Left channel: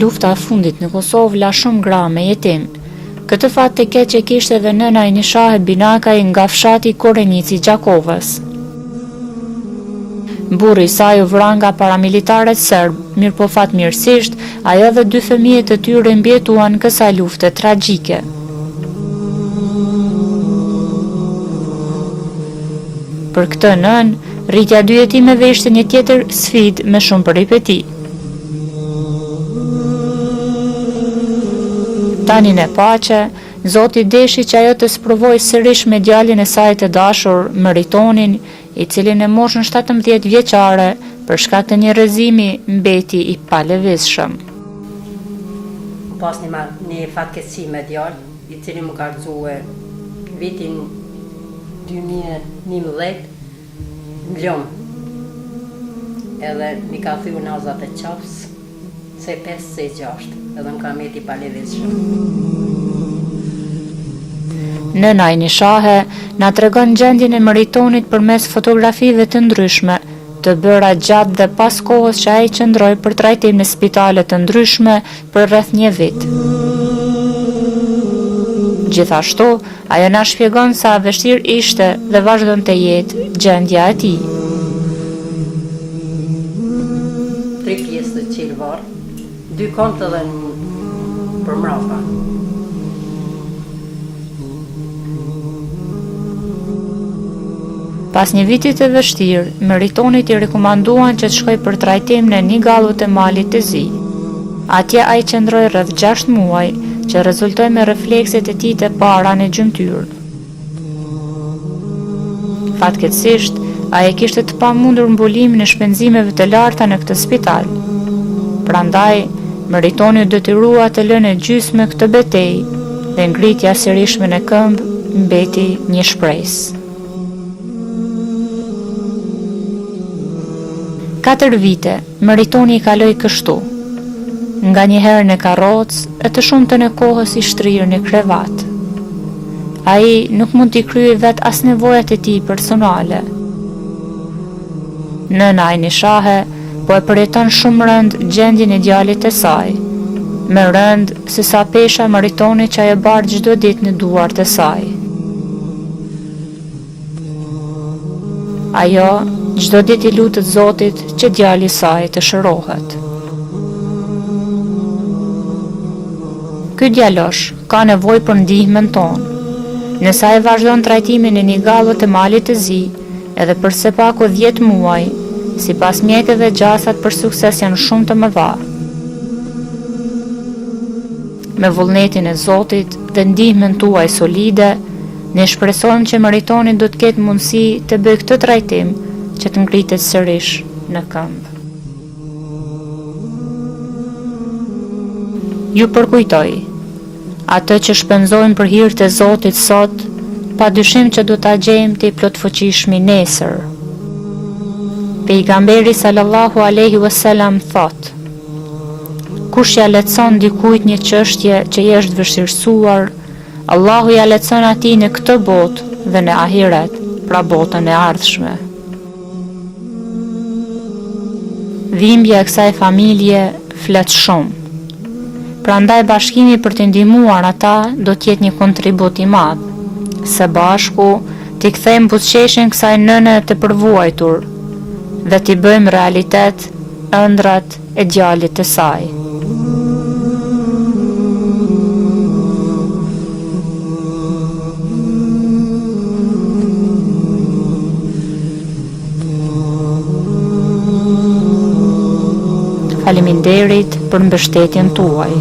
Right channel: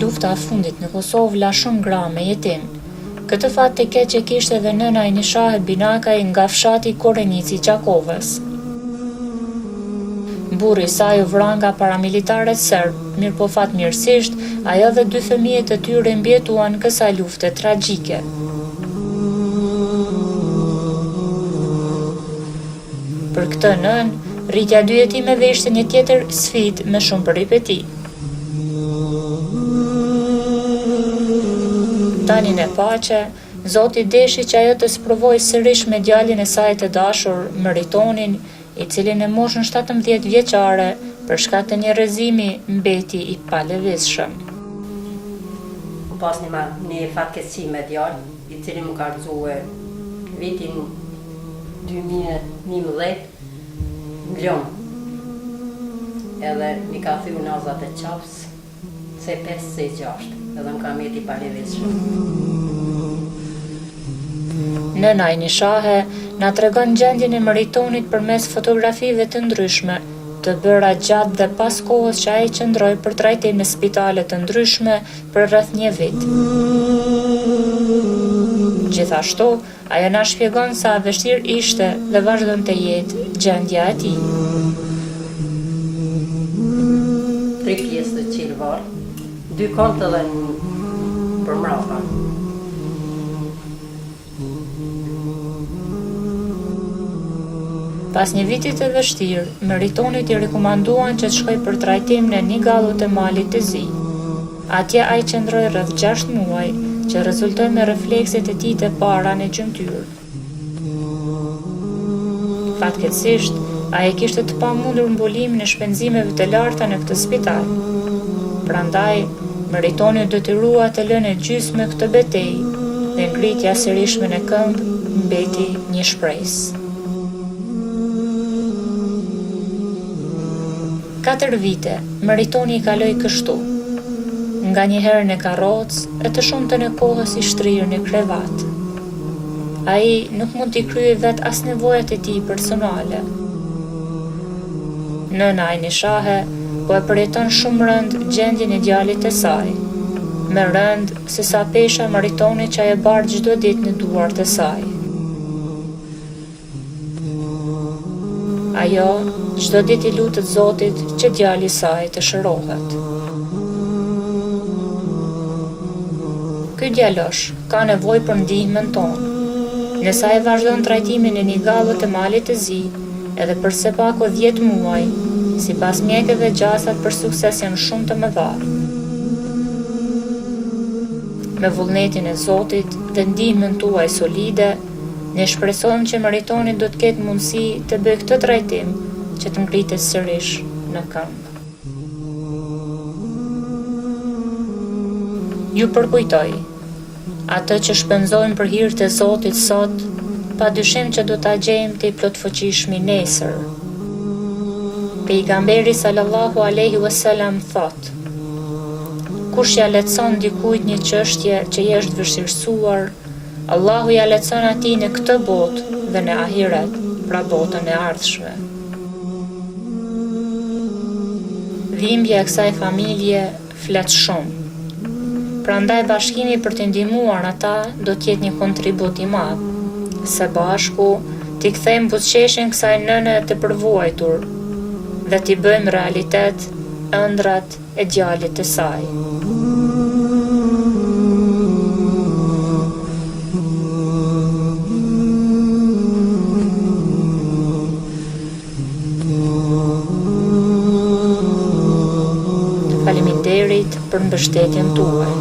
Lufta e fundit në Kosovë la shumë gra me jetim. Këtë fat të keq e kishte edhe nëna e Nishahe Binakaj nga fshati Korenici Gjakovës. Burri i saj u vran nga paramilitaret serb, mirë po fatmirësisht, ajo dhe 2 fëmijët e tyre mbjetuan kësaj lufte tragjike. Për këtë nën, rritja 2 jetimeve ishte një tjetër sfidë me shumë peripeti. Tani në paqe, Zoti deshi që ajo të sprovoj sërish me djalin e saj të dashur, Meritonin, i cili në moshën 17 vjeçare, për shkak të një rrezimi, mbeti i palëvizshëm. Pas një fatkeqësi me djalë, i cili më ka rëzue vitin 2011, në Ljomë. Edhe mi ka thyu nazat e qafës, se 5 se 6, edhe më ka meti palëvizshëm. Nëna e Nishahe na tregon gjendjen e Meritonit përmes fotografive të ndryshme, të bëra gjatë dhe pas kohës që ai qëndroi për trajtim në spitale të ndryshme për rreth 1 vit. Gjithashtu, ajo na shpjegon sa vështirë ishte dhe vazhdon të jetë gjendja e tij. 3 pjesë të qilvar, 2 kontë dhe për mrapa. Pas një viti të vështirë, Meritonit i rekomanduan që të shkoj për trajtim në një gallu të Malit të Zi. Atje ai qëndroi rreth 6 muaj, që rezultoi me reflekset e tij të para në gjymtyrë. Fatkeqësisht, ai kishte të pamundur mbulimin e shpenzimeve të larta në këtë spital. Prandaj, Meritoni u detyrua të lënë gjysmë këtë betejë dhe ngritja sërishme në këmbë mbeti një shpresë. 4 vite, Meritoni i kaloi kështu, nga një herë në karrocë e të shumtën e kohës i shtrirë në krevat. Ai nuk mund t'i kryej vetë as nevojat e tij personale. Nëna e Nishahe po e përjeton shumë rënd gjendjen e djalit të saj, me rënd se sa pesha Meritoni që ajo bar çdo ditë në duart e saj. Ajo çdo ditë i lutet Zotit që djali i saj të shërohet. Ky djalosh ka nevojë për ndihmën tonë. Nëse ai vazhdon trajtimin e një gallu të Malit të Zi, edhe për së paku 10 muaj, sipas mjekëve gjasat për sukses janë shumë të mëdha. Me vullnetin e Zotit dhe ndihmën tuaj solide, ne shpresojmë që Meritoni do të ketë mundësi të bëjë këtë trajtim që të ngritet sërish në këmbë. Ju përkujtoj, atë që shpenzojmë për hir të Zotit sot, padyshim që do ta gjejmë të plotfuqishmi nesër. Pejgamberi sallallahu alaihi wasallam thot: kush ja leçon dikujt një çështje që i është vështirësuar, Allahu ja leçon atij në këtë botë dhe në ahiret, pra botën e ardhshme. Dhimbja e kësaj familje flet shumë. Prandaj bashkimi për të ndihmuar ata do të jetë një kontribut i madh. Së bashku t'i kthejmë buzëqeshin kësaj nëne të përvuajtur dhe t'i bëjmë realitet ëndrat e djalit të saj. Faleminderit për mbështetjen tuaj.